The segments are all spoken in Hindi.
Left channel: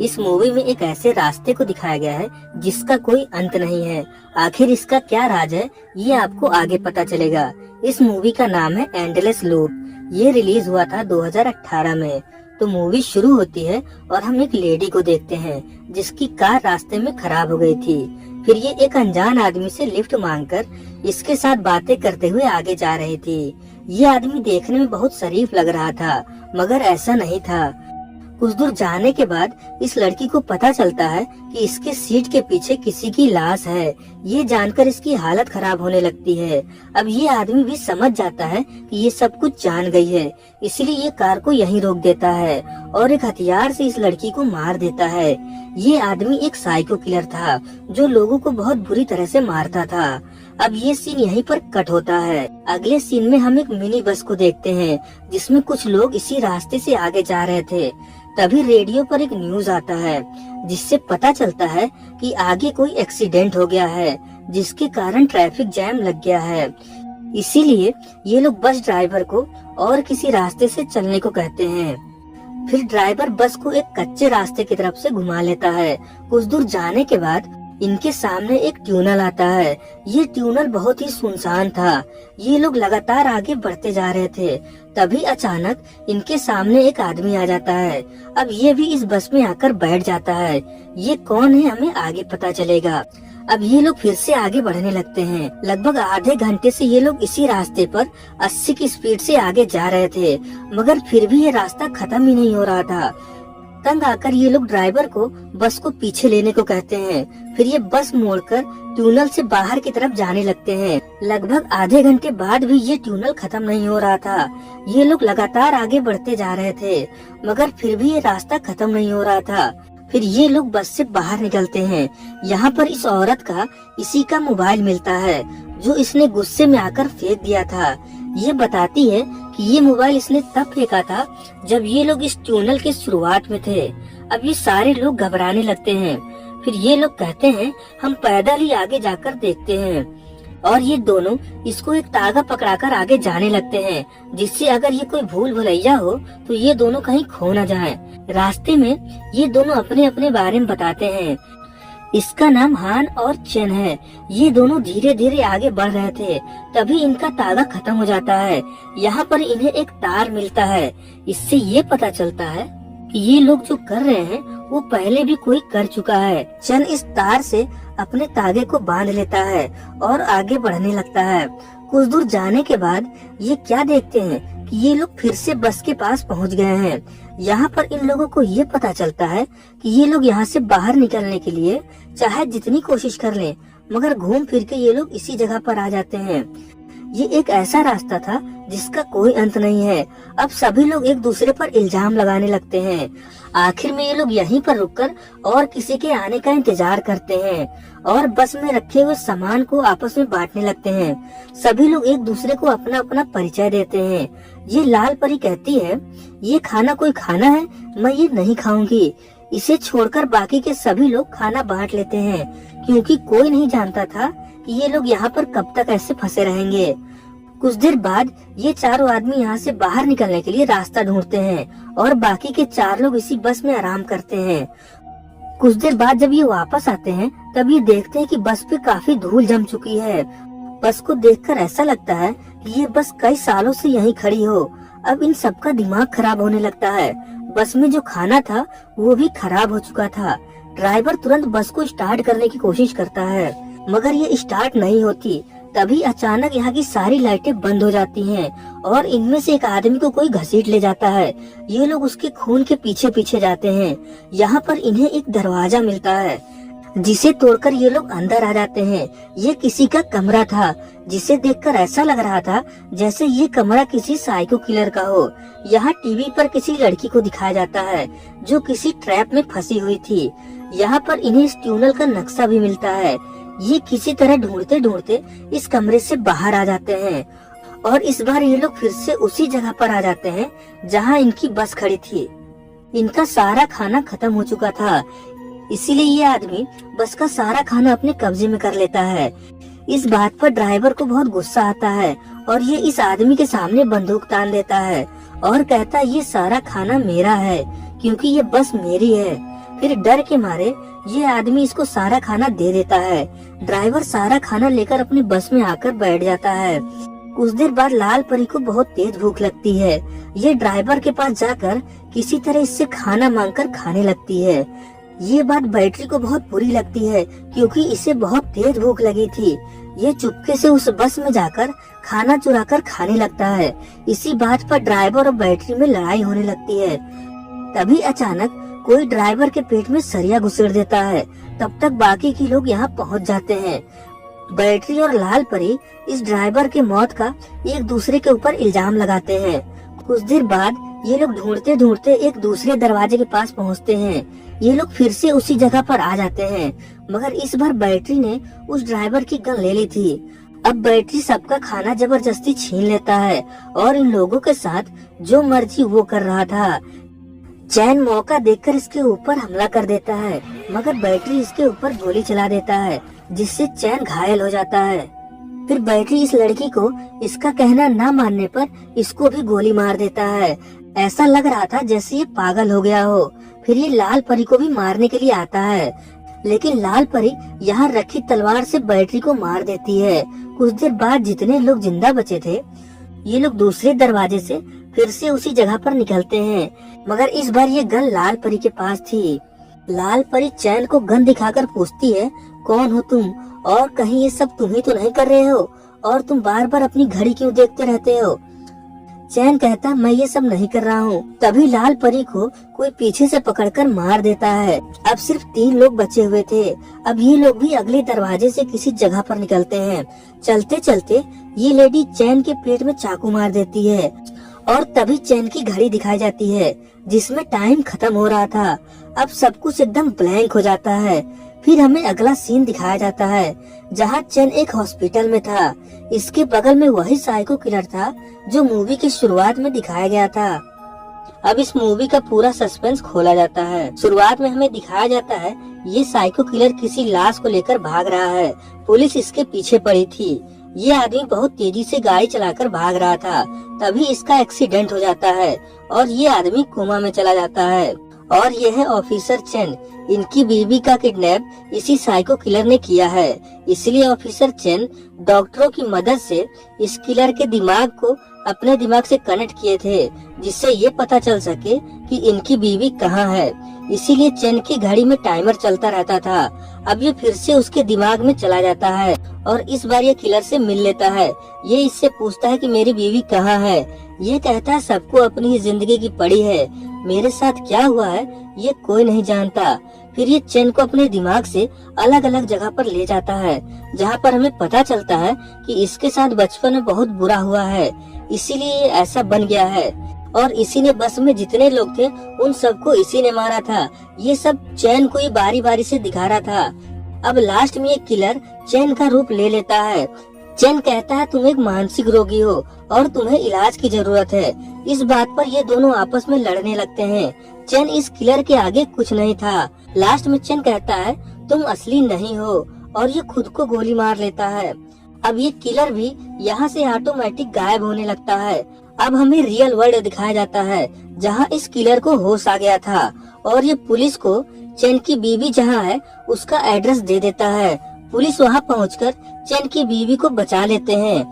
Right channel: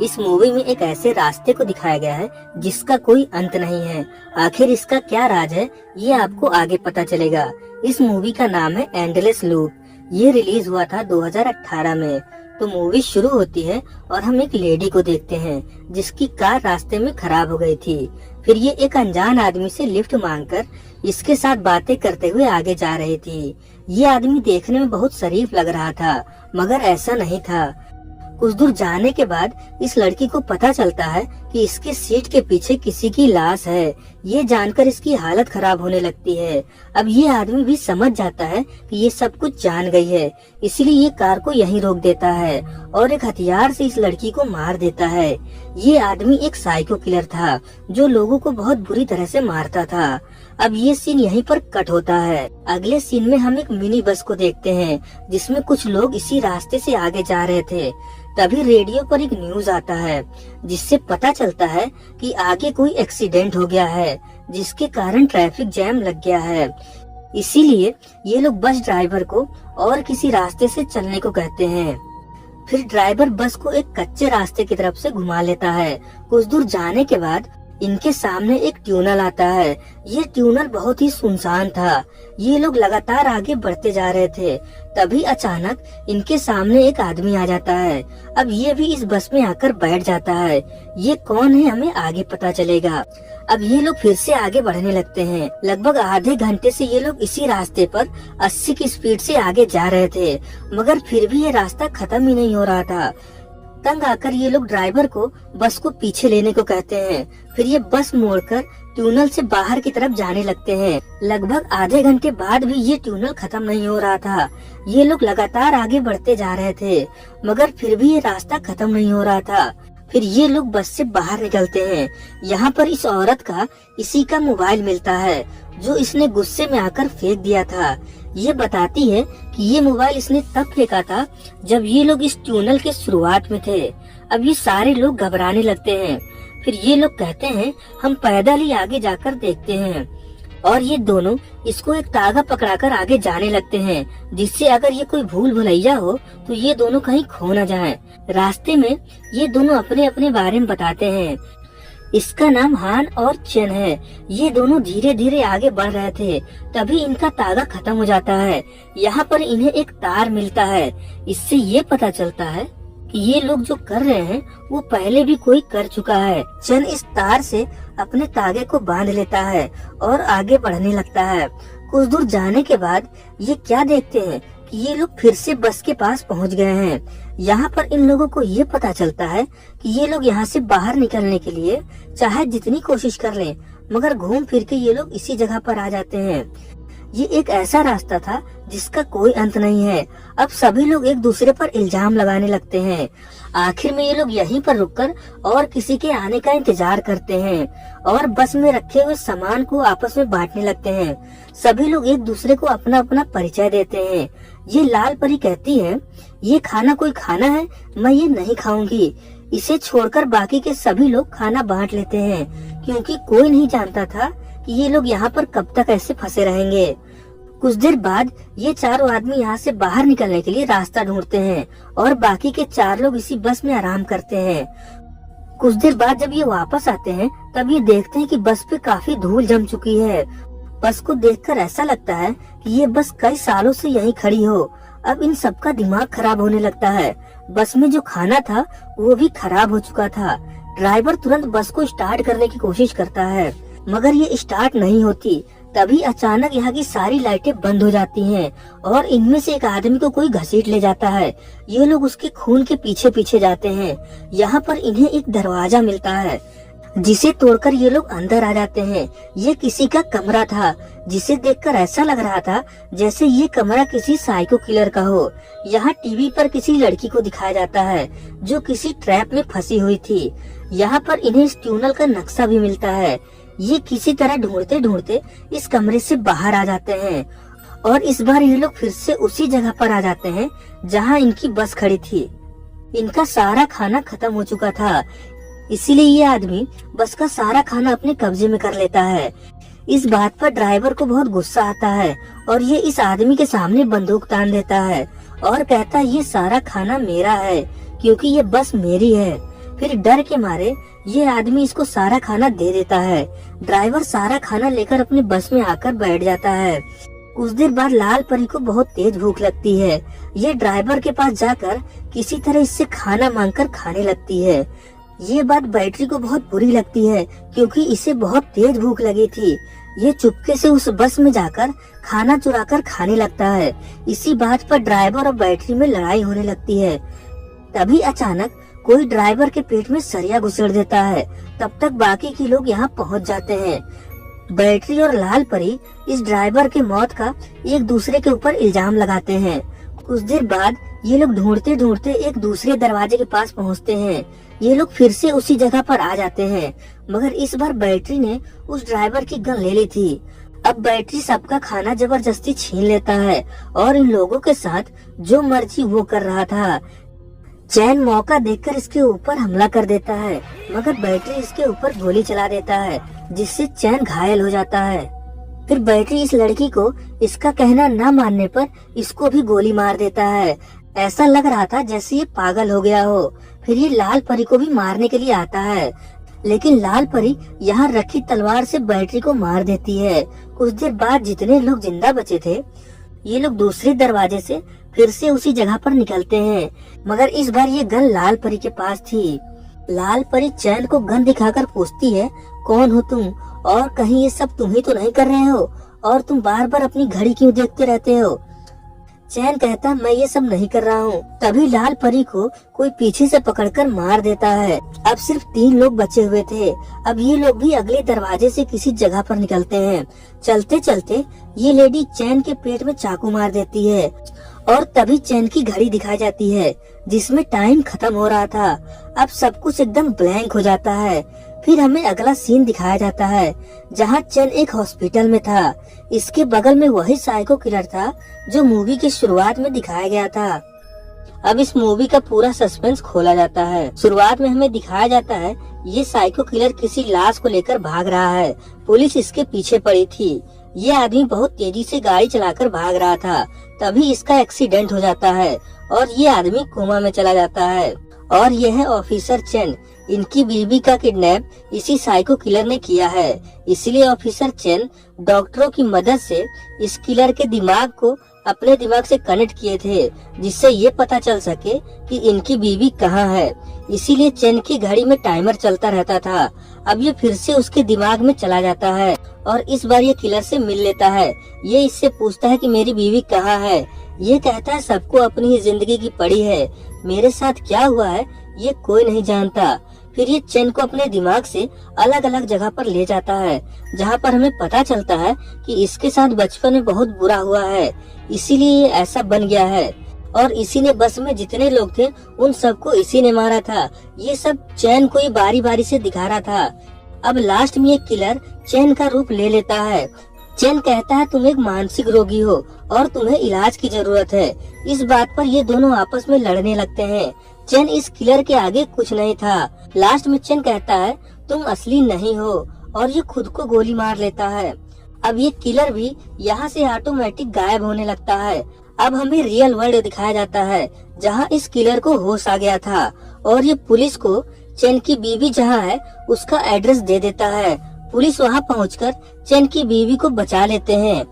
इस मूवी में एक ऐसे रास्ते को दिखाया गया है जिसका कोई अंत नहीं है। आखिर इसका क्या राज है ये आपको आगे पता चलेगा। इस मूवी का नाम है एंडलेस लूप। ये रिलीज हुआ था 2018 में। तो मूवी शुरू होती है और हम एक लेडी को देखते हैं जिसकी कार रास्ते में खराब हो गई थी। फिर ये एक अनजान आदमी से लिफ्ट मांगकर इसके साथ बातें करते हुए आगे जा रही थी। ये आदमी देखने में बहुत शरीफ लग रहा था, मगर ऐसा नहीं था। कुछ दूर जाने के बाद इस लड़की को पता चलता है कि इसके सीट के पीछे किसी की लाश है। ये जानकर इसकी हालत खराब होने लगती है। अब ये आदमी भी समझ जाता है कि ये सब कुछ जान गई है, इसलिए ये कार को यहीं रोक देता है और एक हथियार से इस लड़की को मार देता है। ये आदमी एक साइको किलर था जो लोगों को बहुत बुरी तरह से मारता था। अब ये सीन यहीं पर कट होता है। अगले सीन में हम एक मिनी बस को देखते हैं जिसमें कुछ लोग इसी रास्ते से आगे जा रहे थे। तभी रेडियो पर एक न्यूज आता है जिससे पता चलता है कि आगे कोई एक्सीडेंट हो गया है जिसके कारण ट्रैफिक जैम लग गया है। इसीलिए ये लोग बस ड्राइवर को और किसी रास्ते से चलने को कहते हैं। फिर ड्राइवर बस को एक कच्चे रास्ते की तरफ से घुमा लेता है। कुछ दूर जाने के बाद इनके सामने एक ट्यूनल आता है। ये ट्यूनल बहुत ही सुनसान था। ये लोग लगातार आगे बढ़ते जा रहे थे। तभी अचानक इनके सामने एक आदमी आ जाता है। अब ये भी इस बस में आकर बैठ जाता है। ये कौन है हमें आगे पता चलेगा। अब ये लोग फिर से आगे बढ़ने लगते हैं। लगभग आधे घंटे से ये लोग इसी रास्ते पर 80 की स्पीड से आगे जा रहे थे, मगर फिर भी ये रास्ता खत्म ही नहीं हो रहा था। तंग आकर ये लोग ड्राइवर को बस को पीछे लेने को कहते हैं। फिर ये बस मोड़कर ट्यूनल से बाहर की तरफ जाने लगते हैं। लगभग आधे घंटे बाद भी ये ट्यूनल खत्म नहीं हो रहा था। ये लोग लगातार आगे बढ़ते जा रहे थे, मगर फिर भी ये रास्ता खत्म नहीं हो रहा था। फिर ये लोग बस से बाहर निकलते हैं। यहाँ पर इस औरत का इसी का मोबाइल मिलता है जो इसने गुस्से में आकर फेंक दिया था। ये बताती है कि ये मोबाइल इसने तब फेंका था जब ये लोग इस ट्यूनल के शुरुआत में थे। अब ये सारे लोग घबराने लगते हैं। फिर ये लोग कहते हैं हम पैदल ही आगे जाकर देखते हैं, और ये दोनों इसको एक तागा पकड़ाकर आगे जाने लगते हैं जिससे अगर ये कोई भूल भुलैया हो तो ये दोनों कहीं खो न जाएं। रास्ते में ये दोनों अपने अपने बारे में बताते हैं। इसका नाम हान और चेन है। ये दोनों धीरे धीरे आगे बढ़ रहे थे। तभी इनका तागा खत्म हो जाता है। यहाँ पर इन्हें एक तार मिलता है। इससे ये पता चलता है कि ये लोग जो कर रहे हैं वो पहले भी कोई कर चुका है। चेन इस तार से अपने तागे को बांध लेता है और आगे बढ़ने लगता है। कुछ दूर जाने के बाद ये क्या देखते हैं कि ये लोग फिर से बस के पास पहुंच गए हैं। यहाँ पर इन लोगों को ये पता चलता है कि ये लोग यहाँ से बाहर निकलने के लिए चाहे जितनी कोशिश कर लें, मगर घूम फिर के ये लोग इसी जगह पर आ जाते हैं। ये एक ऐसा रास्ता था जिसका कोई अंत नहीं है। अब सभी लोग एक दूसरे पर इल्जाम लगाने लगते हैं। आखिर में ये लोग यहीं पर रुककर और किसी के आने का इंतजार करते हैं और बस में रखे हुए सामान को आपस में बांटने लगते हैं। सभी लोग एक दूसरे को अपना अपना परिचय देते हैं। ये लाल परी कहती है ये खाना कोई खाना है, मैं ये नहीं खाऊंगी। इसे छोड़कर बाकी के सभी लोग खाना बांट लेते हैं क्योंकि कोई नहीं जानता था कि ये लोग यहाँ पर कब तक ऐसे फंसे रहेंगे। कुछ देर बाद ये चारों आदमी यहाँ से बाहर निकलने के लिए रास्ता ढूंढते हैं और बाकी के 4 लोग इसी बस में आराम करते हैं। कुछ देर बाद जब ये वापस आते हैं तब ये देखते हैं कि बस पे काफी धूल जम चुकी है। बस को देखकर ऐसा लगता है कि ये बस कई सालों से यहीं खड़ी हो। अब इन सबका दिमाग खराब होने लगता है। बस में जो खाना था वो भी खराब हो चुका था। ड्राइवर तुरंत बस को स्टार्ट करने की कोशिश करता है, मगर ये स्टार्ट नहीं होती। तभी अचानक यहाँ की सारी लाइटें बंद हो जाती हैं और इनमें से एक आदमी को कोई घसीट ले जाता है। ये लोग उसके खून के पीछे पीछे जाते हैं। यहाँ पर इन्हें एक दरवाजा मिलता है जिसे तोड़कर ये लोग अंदर आ जाते हैं। ये किसी का कमरा था जिसे देखकर ऐसा लग रहा था जैसे ये कमरा किसी साइको किलर का हो। यहाँ टीवी पर किसी लड़की को दिखाया जाता है जो किसी ट्रैप में फंसी हुई थी। यहाँ पर इन्हें इस ट्यूनल का नक्शा भी मिलता है। ये किसी तरह ढूंढते ढूंढते इस कमरे से बाहर आ जाते हैं और इस बार ये लोग फिर से उसी जगह पर आ जाते हैं जहाँ इनकी बस खड़ी थी। इनका सारा खाना खत्म हो चुका था, इसीलिए ये आदमी बस का सारा खाना अपने कब्जे में कर लेता है। इस बात पर ड्राइवर को बहुत गुस्सा आता है और ये इस आदमी के सामने बंदूक तान देता है और कहता है ये सारा खाना मेरा है क्योंकि ये बस मेरी है। फिर डर के मारे ये आदमी इसको सारा खाना दे देता है। ड्राइवर सारा खाना लेकर अपने बस में आकर बैठ जाता है। कुछ देर बाद लाल परी को बहुत तेज भूख लगती है। ये ड्राइवर के पास जाकर किसी तरह इससे खाना मांगकर खाने लगती है। ये बात बैटरी को बहुत बुरी लगती है क्योंकि इसे बहुत तेज भूख लगी थी। ये चुपके से उस बस में जाकर खाना चुराकर खाने लगता है। इसी बात पर ड्राइवर और बैटरी में लड़ाई होने लगती है। तभी अचानक कोई ड्राइवर के पेट में सरिया घुसेड़ देता है। तब तक बाकी के लोग यहाँ पहुँच जाते हैं। बैटरी और लाल परी इस ड्राइवर के मौत का एक दूसरे के ऊपर इल्जाम लगाते हैं। कुछ देर बाद ये लोग ढूंढते ढूंढते एक दूसरे दरवाजे के पास पहुँचते हैं। ये लोग फिर से उसी जगह पर आ जाते हैं, मगर इस बार बैटरी ने उस ड्राइवर की गन ले ली थी। अब बैटरी सबका खाना जबरदस्ती छीन लेता है और इन लोगों के साथ जो मर्जी वो कर रहा था। चैन मौका देखकर इसके ऊपर हमला कर देता है, मगर बैटरी इसके ऊपर गोली चला देता है, जिससे चैन घायल हो जाता है। फिर बैटरी इस लड़की को इसका कहना न मानने पर इसको भी गोली मार देता है। ऐसा लग रहा था जैसे ये पागल हो गया हो। फिर ये लाल परी को भी मारने के लिए आता है, लेकिन लाल परी यहाँ रखी तलवार से बैटरी को मार देती है। कुछ देर बाद जितने लोग जिंदा बचे थे, ये लोग दूसरे दरवाजे से फिर से उसी जगह पर निकलते हैं, मगर इस बार ये गन लाल परी के पास थी। लाल परी चैन को गन दिखाकर पूछती है, कौन हो तुम और कहीं ये सब तुम ही तो नहीं कर रहे हो, और तुम बार बार अपनी घड़ी क्यों देखते रहते हो। चैन कहता, मैं ये सब नहीं कर रहा हूँ। तभी लाल परी को कोई पीछे से पकड़कर मार देता है। अब सिर्फ 3 लोग बचे हुए थे। अब ये लोग भी अगले दरवाजे से किसी जगह पर निकलते हैं। चलते चलते ये लेडी चैन के पेट में चाकू मार देती है और तभी चैन की घड़ी दिखाई जाती है जिसमें टाइम खत्म हो रहा था। अब सब कुछ एकदम ब्लैंक हो जाता है। फिर हमें अगला सीन दिखाया जाता है जहाँ चैन एक हॉस्पिटल में था। इसके बगल में वही साइको किलर था जो मूवी की शुरुआत में दिखाया गया था। अब इस मूवी का पूरा सस्पेंस खोला जाता है। शुरुआत में हमें दिखाया जाता है ये साइको किलर किसी लाश को लेकर भाग रहा है। पुलिस इसके पीछे पड़ी थी। ये आदमी बहुत तेजी से गाड़ी चलाकर भाग रहा था। तभी इसका एक्सीडेंट हो जाता है और ये आदमी कोमा में चला जाता है। और यह है ऑफिसर चेन। इनकी बीवी का किडनैप इसी साइको किलर ने किया है। इसलिए ऑफिसर चेन डॉक्टरों की मदद से इस किलर के दिमाग को अपने दिमाग से कनेक्ट किए थे, जिससे ये पता चल सके कि इनकी बीवी कहाँ है। इसीलिए चेन की घड़ी में टाइमर चलता रहता था। अब ये फिर से उसके दिमाग में चला जाता है और इस बार ये किलर से मिल लेता है। ये इससे पूछता है कि मेरी बीवी कहाँ है। ये कहता है सबको अपनी ही जिंदगी की पड़ी है, मेरे साथ क्या हुआ है ये कोई नहीं जानता। फिर ये चेन को अपने दिमाग से अलग अलग जगह पर ले जाता है, जहाँ पर हमें पता चलता है कि इसके साथ बचपन में बहुत बुरा हुआ है, इसीलिए ये ऐसा बन गया है। और इसी ने बस में जितने लोग थे उन सबको इसी ने मारा था। ये सब चैन को ही बारी बारी से दिखा रहा था। अब लास्ट में ये किलर चैन का रूप ले लेता है। चैन कहता है तुम एक मानसिक रोगी हो और तुम्हें इलाज की जरूरत है। इस बात पर ये दोनों आपस में लड़ने लगते हैं। चैन इस किलर के आगे कुछ नहीं था। लास्ट में चैन कहता है तुम असली नहीं हो और ये खुद को गोली मार लेता है। अब ये किलर भी यहाँ से ऑटोमेटिक गायब होने लगता है। अब हमें रियल वर्ल्ड दिखाया जाता है जहाँ इस किलर को होश आ गया था और ये पुलिस को चैन की बीवी जहाँ है उसका एड्रेस दे देता है। पुलिस वहाँ पहुंचकर चैन की बीवी को बचा लेते हैं।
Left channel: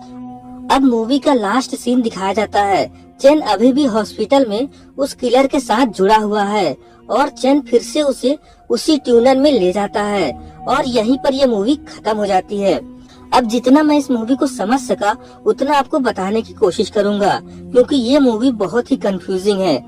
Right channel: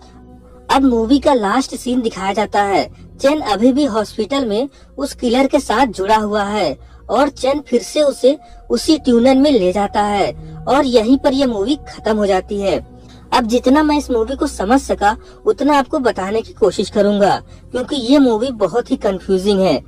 अब मूवी का लास्ट सीन दिखाया जाता है। चैन अभी भी हॉस्पिटल में उस किलर के साथ जुड़ा हुआ है और चैन फिर से उसे उसी ट्यूनर में ले जाता है और यहीं पर यह मूवी खत्म हो जाती है। अब जितना मैं इस मूवी को समझ सका उतना आपको बताने की कोशिश करूंगा, क्योंकि ये मूवी बहुत ही कंफ्यूजिंग है।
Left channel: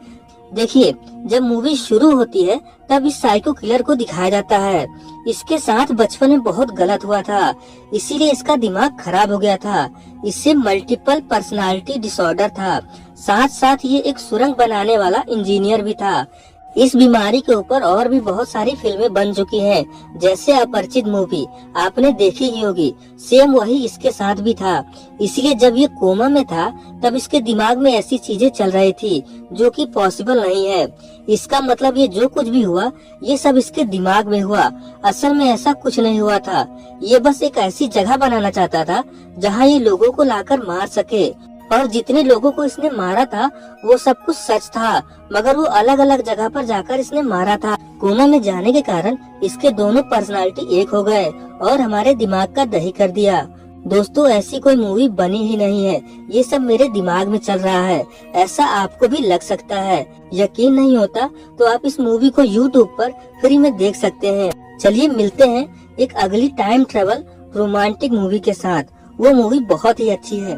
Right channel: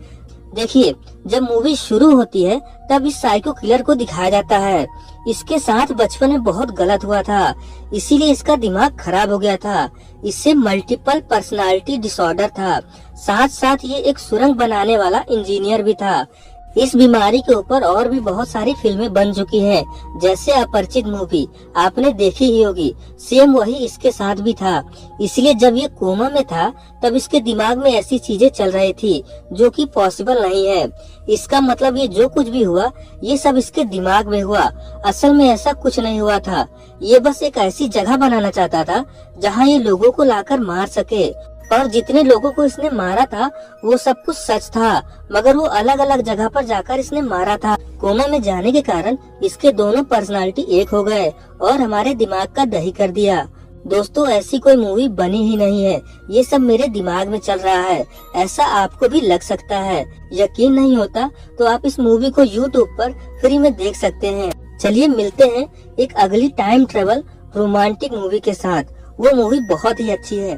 देखिए, जब मूवी शुरू होती है तब इस साइको किलर को दिखाया जाता है। इसके साथ बचपन में बहुत गलत हुआ था, इसीलिए इसका दिमाग खराब हो गया था। इससे मल्टीपल पर्सनालिटी डिसऑर्डर था। साथ साथ ये एक सुरंग बनाने वाला इंजीनियर भी था। इस बीमारी के ऊपर और भी बहुत सारी फिल्में बन चुकी हैं, जैसे अपरिचित मूवी आपने देखी ही होगी। सेम वही इसके साथ भी था। इसलिए जब ये कोमा में था तब इसके दिमाग में ऐसी चीजें चल रही थी जो कि पॉसिबल नहीं है। इसका मतलब ये जो कुछ भी हुआ ये सब इसके दिमाग में हुआ। असल में ऐसा कुछ नहीं हुआ था। ये बस एक ऐसी जगह बनाना चाहता था जहाँ ये लोगों को लाकर मार सके और जितने लोगों को इसने मारा था वो सब कुछ सच था, मगर वो अलग अलग जगह पर जाकर इसने मारा था। कोना में जाने के कारण इसके दोनों पर्सनालिटी एक हो गए और हमारे दिमाग का दही कर दिया। दोस्तों, ऐसी कोई मूवी बनी ही नहीं है, ये सब मेरे दिमाग में चल रहा है, ऐसा आपको भी लग सकता है। यकीन नहीं होता तो आप इस मूवी को YouTube पर फ्री में देख सकते हैं। चलिए मिलते हैं एक अगली टाइम ट्रेवल रोमांटिक मूवी के साथ। वो मूवी बहुत ही अच्छी है।